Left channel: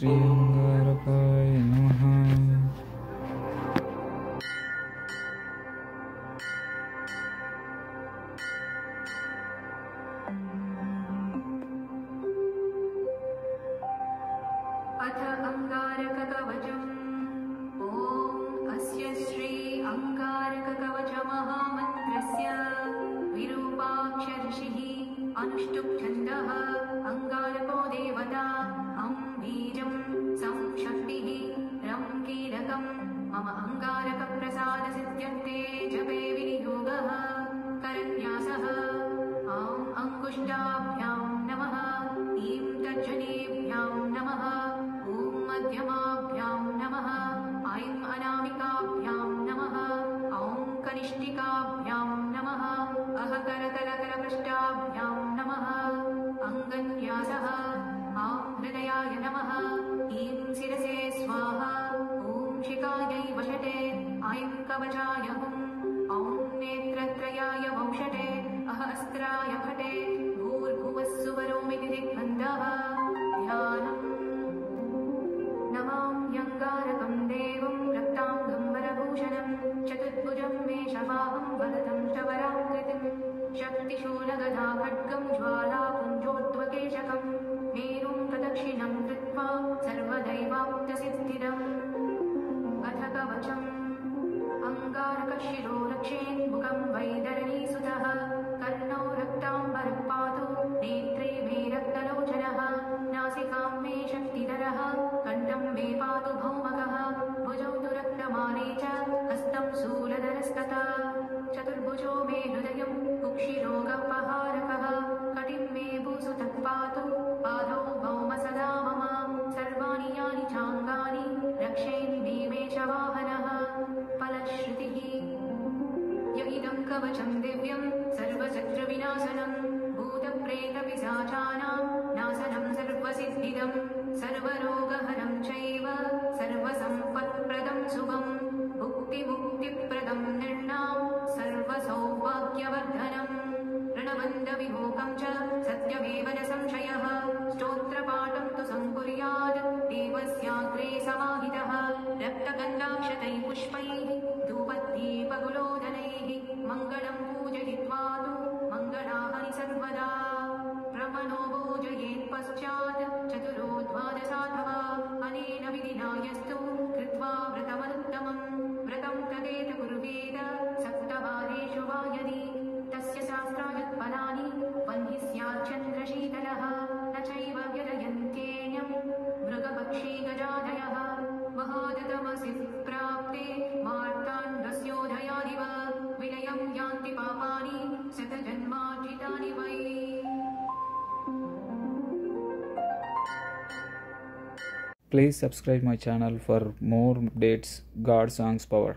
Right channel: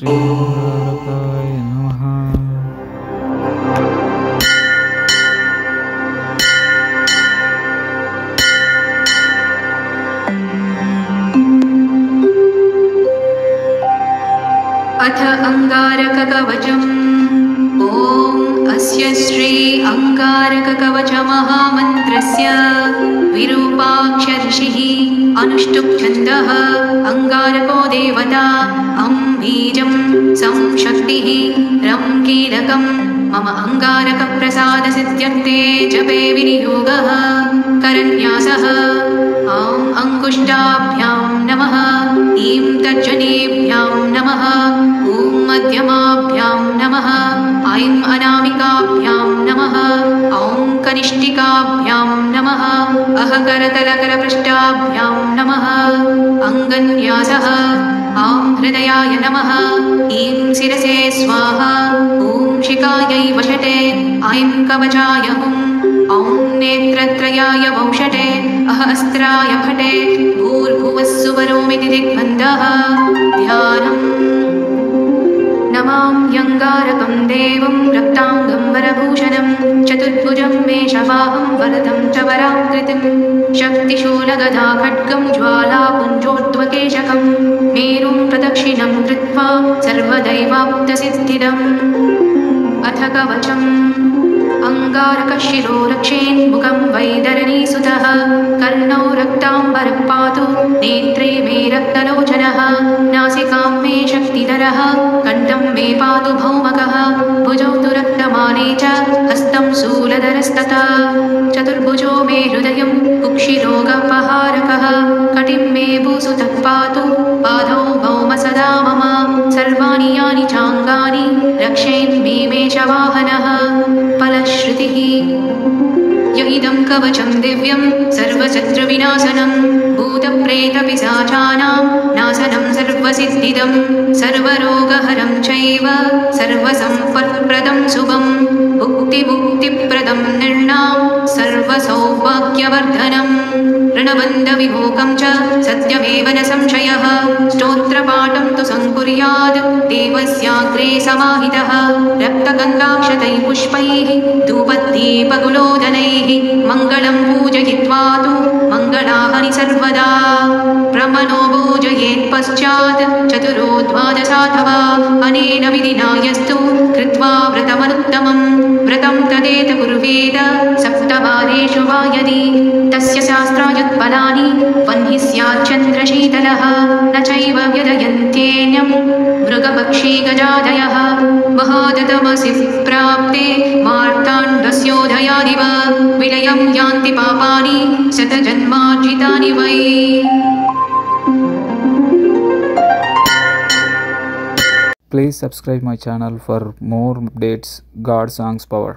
श्री अंगारकाय नमः। अथ अंगारककवचम्। ॐ अस्य श्री अंगारककवचमहामन्त्रस्य विरूपाक्षर्षिः अनुष्टुप् छन्दः। अंगारको देवता अं बीजं सं शक्तिः रं कीलकं मम अंगारकप्रसादसिद्ध्यर्थे जपे विनियोगः। करन्यासः ॐ अंकुष्टाभ्यां नमः, ईं तर्जनीभ्यां नमः, ॐ मध्यमाभ्यां नमः, ऐं अनामिकाभ्यां नमः, ॐ कनिष्ठिकाभ्यां नमः, अहकरतलकरपृष्ठाभ्यां नमः। अङ्गन्यासः ॐ हृदयाय नमः, ईं शिरसे स्वाहा, ॐ शिखायै वषटे, ऐं कवचाय हुं, ॐ नेत्रत्रयाय वौषटे, अहस्त्राय फटे, भूर्भुवस्सुवरोमिति दिग्बन्धः। ध्यानम्। नमाम्यङ्गारकं देवं रक्ताङ्गं वरभूषणं, चतुर्भुजं मेषवाहं वरदं च वराकृतिं, शक्तिशूलगदा खड्गं ज्वालापुञ्जोद्वकेशकं, मेरुं प्रदक्षिणं कृत्वा सर्वदैवाप्तसिद्धिदम्। अथ कवचम्। अंगारकशिरो रक्षेन्मुखं वैदरणीसुतः, कर्णौ रक्ताम्बरः पातु, नेत्रे मे रक्तलोचनः, नासिकां मे शक्तिधरः, कण्ठं मे पातु भौमकः, भुजौ तु रक्तमाने च हस्तं शूलधरस्तथा, चतुर्भुजो मे हृदयं कुक्षिरोगपहारकः, कटिं मे भूसुतः पातु, पादौ भौम सदा मम, सर्वाणि यानि चाङ्गानि रक्षेन्मे मेषवाहनः। फलश्रुतिः। य इदं कवचं दिव्यं सर्वशत्रुविनाशनं, भूतप्रेतपिशाचानां नाशनं सर्वसिद्धिदं, सर्वरोगहरं चैव सर्वसम्पत्प्रदं शुभं, भुक्तिमुक्तिप्रदं निर्णां सर्वसौभाग्यवर्धनम्, ऋणबन्धविमोकं च सत्यमेव न संशयः, स्तोत्रपाठं तु संकुर्यात् देवस्याग्रे समाहितः, रक्तगन्धाक्षतैः पुष्पैः धूपदीपगुलोदनैः, मङ्गलं पूजयित्वा तु मङ्गलानि सर्वदा, प्रमनो पूजयेत्पश्चात् चतुरो द्वादशाथवा, अनेन विधिना यस्तु कृत्वा व्रतमनुत्तमं, व्रतं तदेत कुर्वेद सप्तवारेषु वा यदि, तस्य शास्त्रायुत्फलानि वह्नि स्याच्चन्द्रशीतलः, न चैव व्यदयन्त्येन्यं मृगपक्षी गजादयः, महादतमसि प्राप्ते मार्ताण्डस्योदयादिव, विलयं यान्ति पापानि शतजन्मार्जितानि वै। Please subscribe my channel for more updates. God Songs Power.